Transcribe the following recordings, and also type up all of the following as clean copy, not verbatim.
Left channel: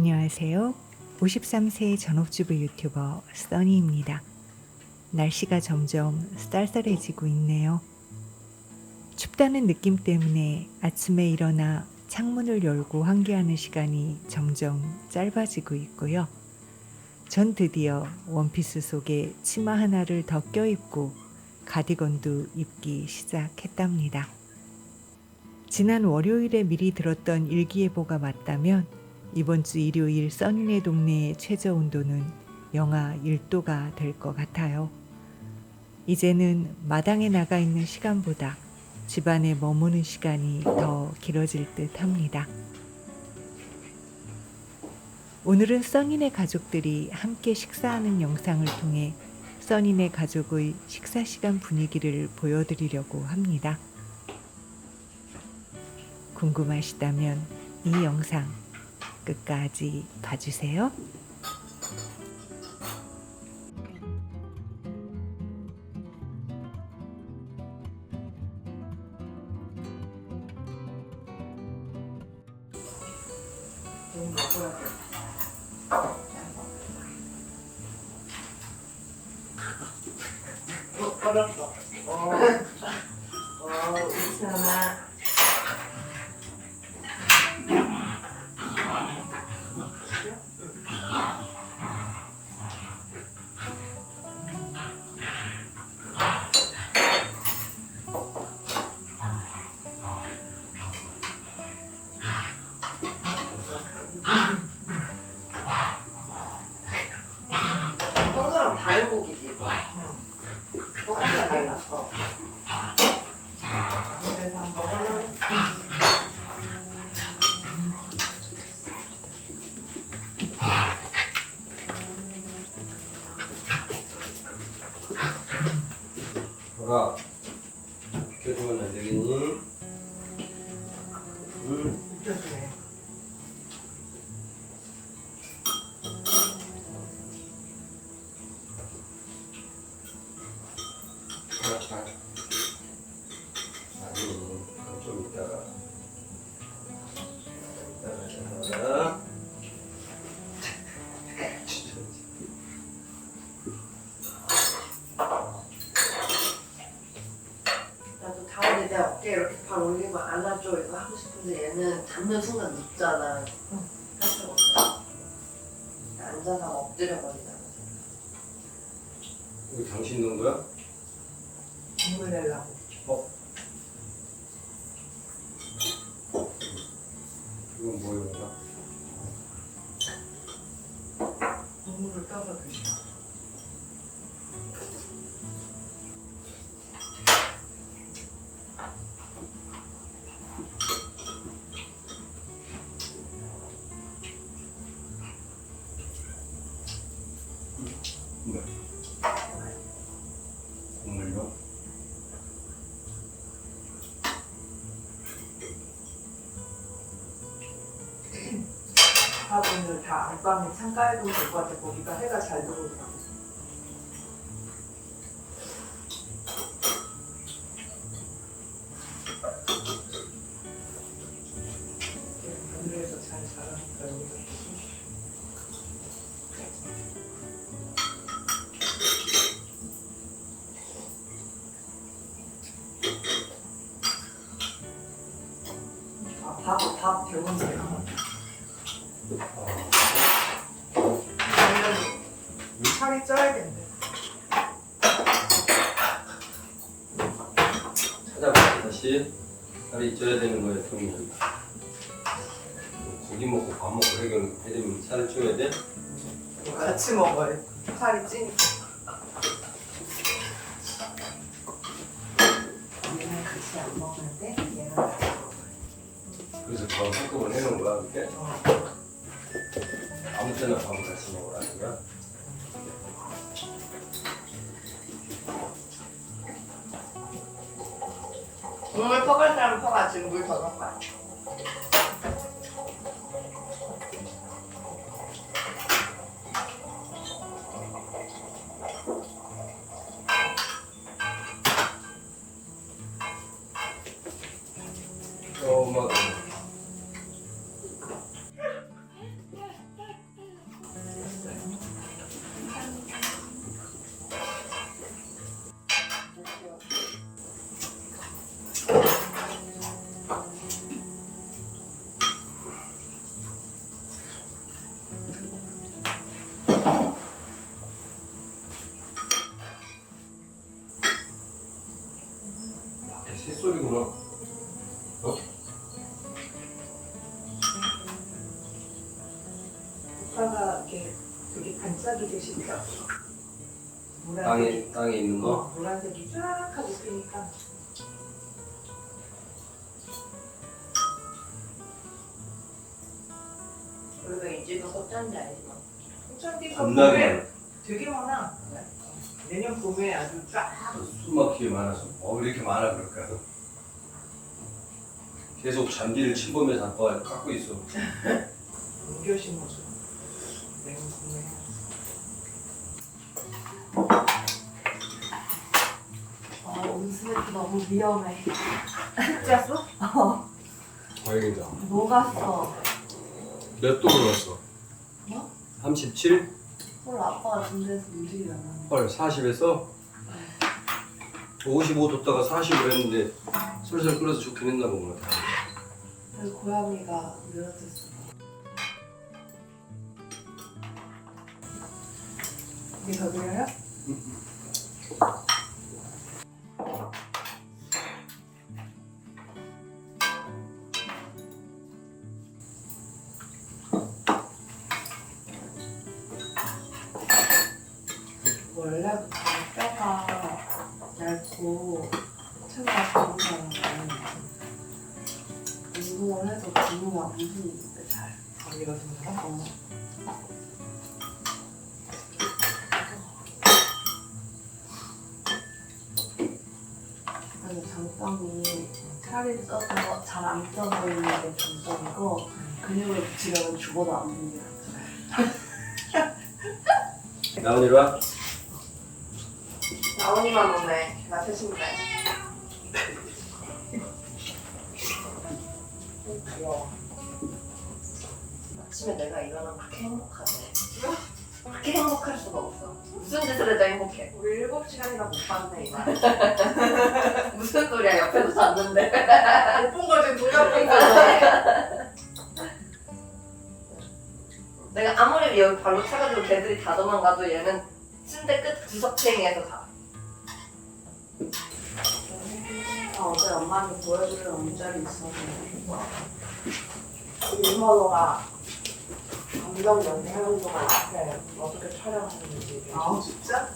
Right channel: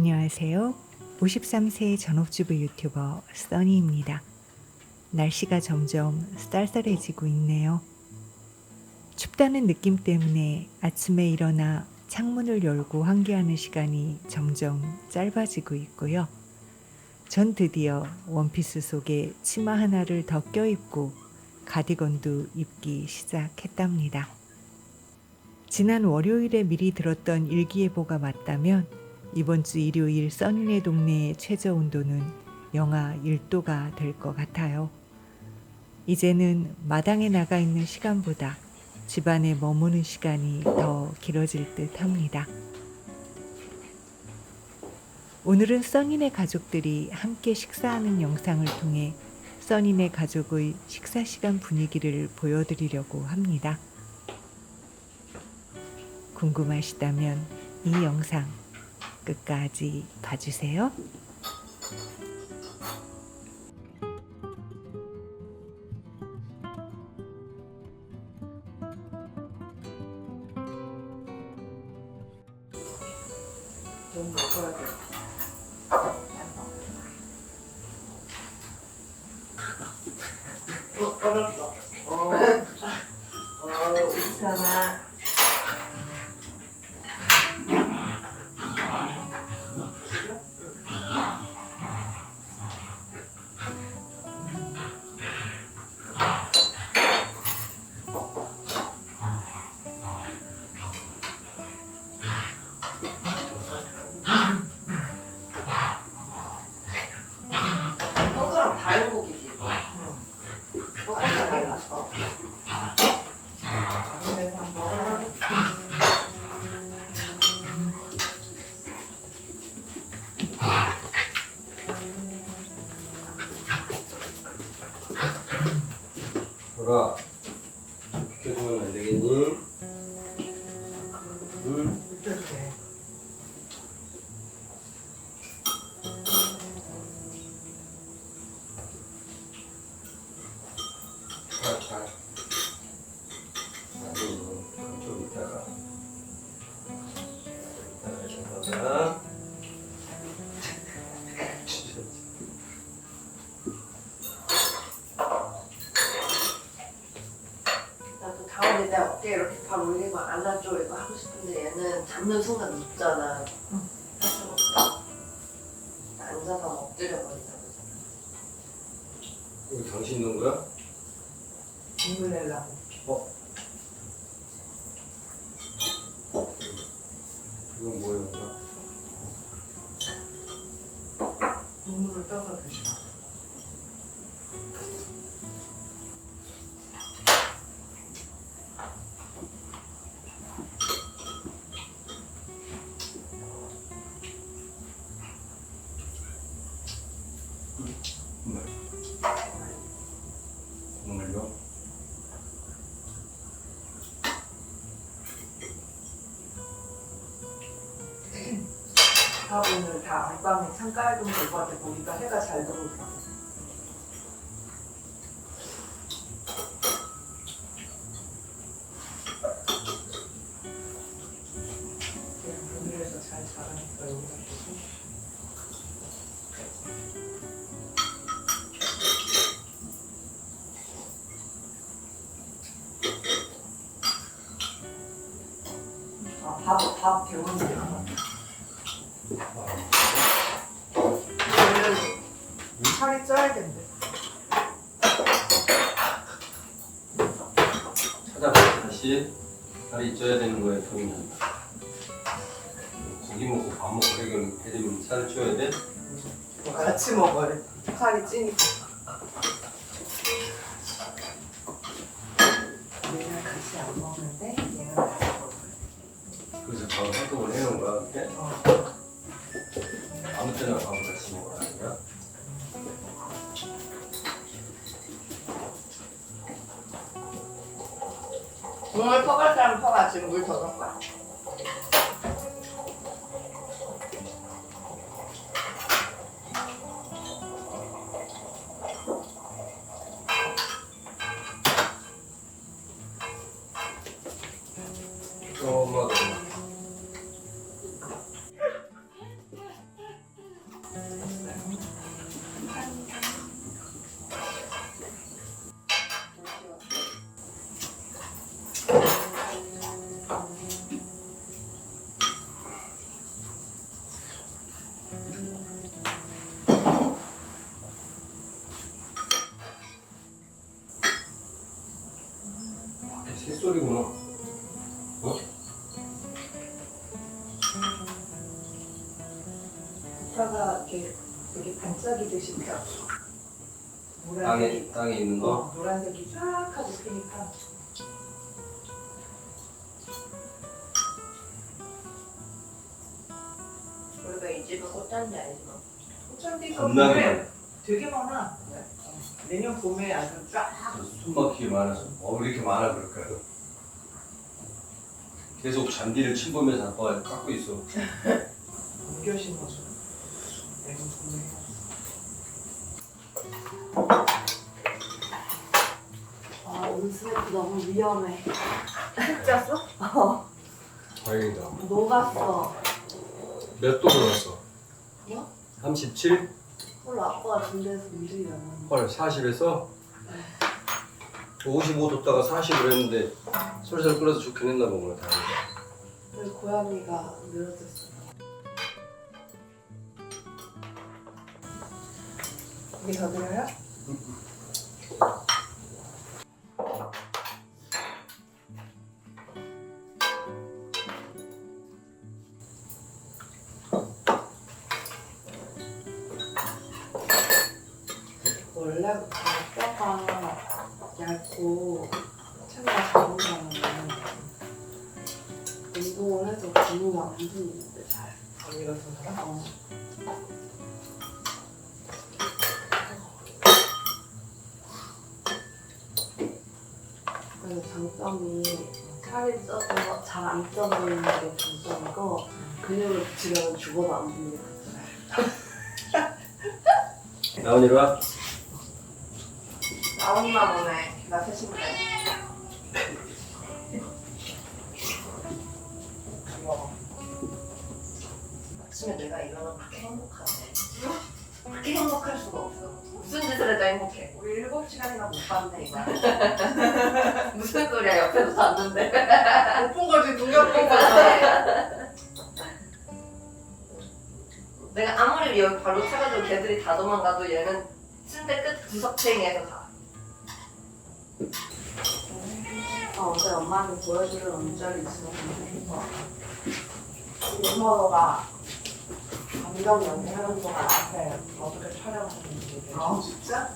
안녕하세요. 53세 전업주부 유튜버 써니입니다. 날씨가 점점 쌀쌀해지고 있네요. 춥다는 느낌 때문에 아침에 일어나 창문을 열고 환기하는 시간이 점점 짧아지고 있고요. 전 드디어 원피스 속에 치마 하나를 더 껴입고 가디건도 입기 시작했답니다. 지난 월요일에 미리 들었던 일기예보가 맞다면 이번 주 일요일 써니네 동네의 최저 온도는 영하 1도가 될 것 같아요. 이제는 마당에 나가 있는 시간보다 집안에 머무는 시간이 더 길어질 듯 합니다. 오늘은 써니네 가족들이 함께 식사하는 영상을 통해 써니네 가족의 식사 시간 분위기를 보여드리려고 합니다. 궁금하시다면 이 영상 끝까지 봐주세요. 돈 먹어야 돼. 얼었어. 괜찮아. 소스랑 다른 고기지. 소스가 달라서. 그래서 한번. 돌아. 이렇게 보면 안 되겠니? 응? 미쳤네. 잘. 아니, 좀 이따가. 이따가. 나도 다음에 내 어깨 이렇게 발 올리고 안아줘 이거 하고 싶은데 얘는 잡는 순간 눕잖아. 앉아서 엎드려 버리잖아. 이거 당신 넣은 거야? 눈물 내려고. 이건 뭐예요? 이거? 눈물을 떠서 드셔. 국물요? 밥은 다 안방에 창가에 좀 될 것 같아. 거기가 해가 잘 들어오고. 그래서 잘 자라니까 여기가. 밥 배웠네요. 살이 쪄야겠네. 찾아볼게 다시. 살이 쪄야 되는 거에 보면 고기 먹고 밥 먹고 해주면 살을 쪄야 돼? 같이 먹어야 살이 찌니까. 얘는 같이 안 먹는데 얘는 같이 먹어요. 그래서 밥 활동을 해놓은 거야 그렇게? 아무 때나 밥을 같이 먹으라는 거야? 국물 퍼갈 사람 퍼가. 지금 물 더 넣어봐. 엄마가 새소리구나. 어? 오빠가 이렇게 되게 반짝이듯이 펴. 땅에 있는 거? 노란색이 쫙 하고 피니까. 우리가 이 집은 꽃잔디 아니나? 꽃잔디가 겁나게 봄에 많아. 되게 많아. 내년 봄에 아주 쫙. 숨 막히게 많아서 왜 이렇게 많아 그럴까요? 계속 잔디를 침범해서 아빠가 깎고 있어. 옮겨 심어줘. 내년 봄에. 온스냅 너무 위험해. 짰어? 다행이다. 녹았어. 몇 도로 왔어? 뭐? 37? 오늘 아빠가 군대에서 일이잖아. 헐 40에서 55도다가 40으로 했는데 솔솔 끓어서 좋긴 했나 보구나. 다행이다. 그래서 고양이가 늘어졌어. 이게 더 들어요? 원래 뼈가 얇고 체가 작은 사람은 운동을 해도 근육이 안 붙는데 잘. 어디가 좋나? 그래서 장점이 살이 쪄서 잘 안 쪄버리는 게 장점이고 근육을 붙이려면 죽어도 안 붙는 게 나온 이리 와. 나온이만 오네. 나 패신데. 귀여워. 아침에 내가 일어나면 그렇게 행복하네. 그렇게 행복할 수가 없어. 무슨 짓을 해도 행복해. 우리 7시간이나 못 봤네, 이거. 무슨 소리야, 옆에서 잤는데. 못 본 거지, 누가 본 거지. 내가 아무리 여기 발로 차가지고 걔들이 다 도망가도 얘는 침대 끝 구석탱이에서 자. 어제 엄마한테 보여주려는 문자를 있었는데 윤선호가 감정 연애하는 동안 앞에 어떻게 촬영하는지 아 진짜?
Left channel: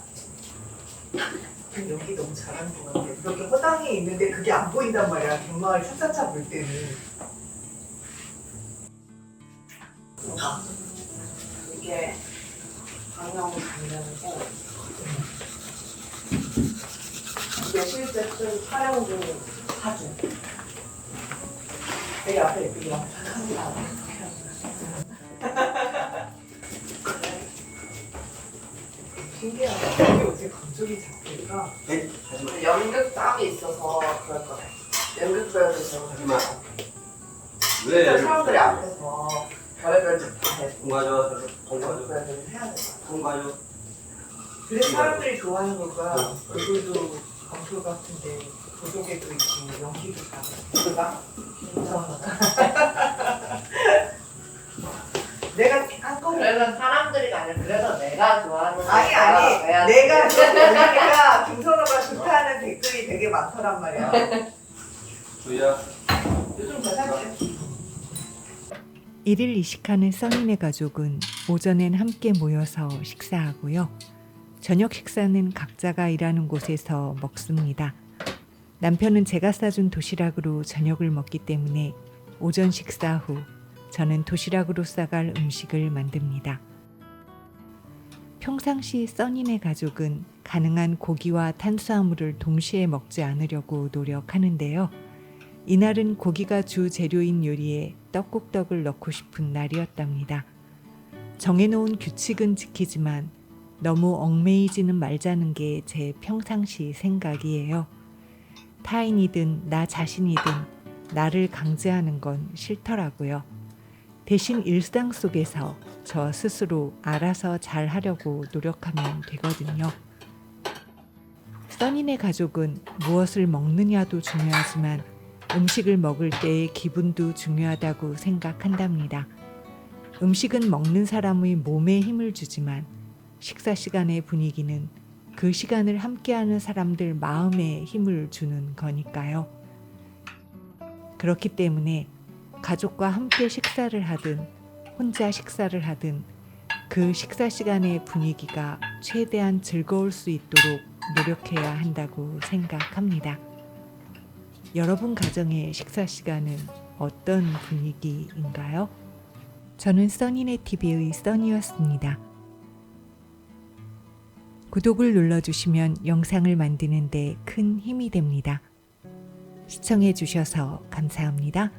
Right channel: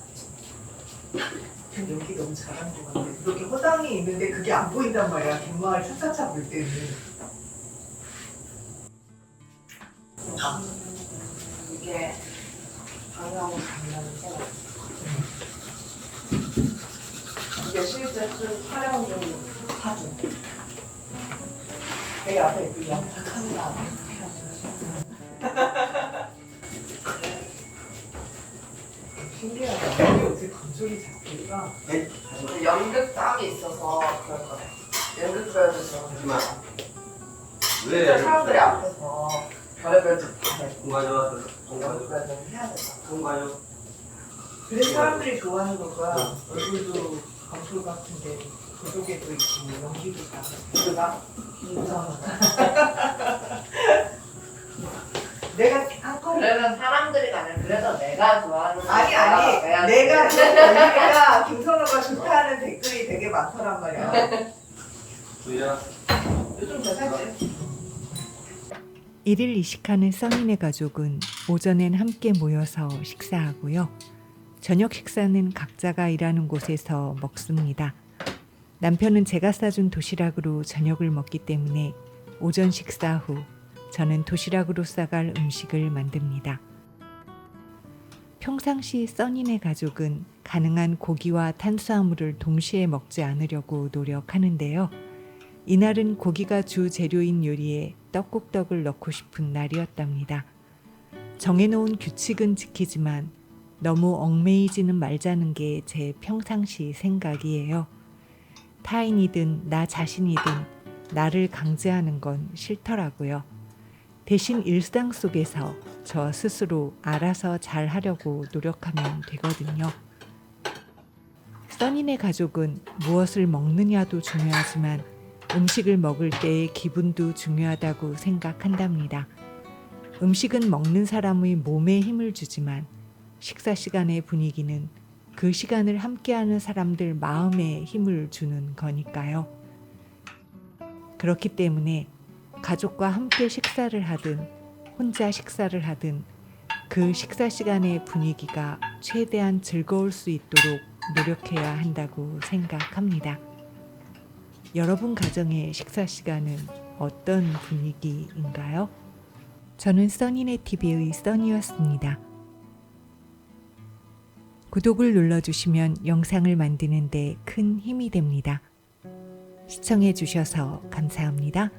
연기 너무 잘하는 것 같아. 그렇게 허당이 있는데 그게 안 보인단 말이야. 갯마을 차차차 볼 때는. 이게 방향을 보면서 이게 실제 쓴 촬영 중인 사진. 내 앞에 있고 카메라 앞에 신기하다. 이게 어떻게 감정이 잡힐까? 연극 땀이 있어서 그럴 거네. 연극 프로에서 하지마. 진짜 왜? 사람들이 앞에서 별의별 짓 공 가져와. 공 연극 가져와. 프로에서 해야 돼. 공 가져와. 그래서 사람들이 좋아하는 거가 얼굴도 검토 같은데 도덕에도 있고 연기도 가고 누가? 인정. 내가 한 거를 그래서 사람들이 아니라 그래서 내가 좋아하는 아니 거야. 아니 내가 그렇게 보니까 김선호가 좋다는 댓글이 되게 많더란 말이야. 주희야. 요즘 괜찮지? 일일 이식하는 써니네 가족은 오전엔 함께 모여서 식사하고요. 저녁 식사는 각자가 일하는 곳에서 먹습니다. 남편은 제가 싸준 도시락으로 저녁을 먹기 때문에 오전 식사 후 저는 도시락으로 싸갈 음식을 만듭니다. 평상시 써니네 가족은 가능한 고기와 탄수화물을 동시에 먹지 않으려고 노력하는데요. 이날은 고기가 주 재료인 요리에 떡국떡을 넣고 싶은 날이었답니다. 정해놓은 규칙은 지키지만 너무 얽매이지는 말자는 게 제 평상시 생각이에요. 타인이든 나 자신이든 나를 강제하는 건 싫더라고요. 대신 일상 속에서 저 스스로 알아서 잘 하려고 노력하면 되거든요. 써니네 가족은 무엇을 먹느냐도 중요하지만 음식을 먹을 때의 기분도 중요하다고 생각한답니다. 음식은 먹는 사람의 몸에 힘을 주지만 식사 시간의 분위기는 그 시간을 함께하는 사람들 마음에 힘을 주는 거니까요. 그렇기 때문에 가족과 함께 식사를 하든 혼자 식사를 하든 그 식사 시간의 분위기가 최대한 즐거울 수 있도록 노력해야 한다고 생각합니다. 여러분 가정의 식사 시간은 어떤 분위기인가요? 저는 써니네 TV의 써니였습니다. 구독을 눌러주시면 영상을 만드는 데 큰 힘이 됩니다. 시청해 주셔서 감사합니다.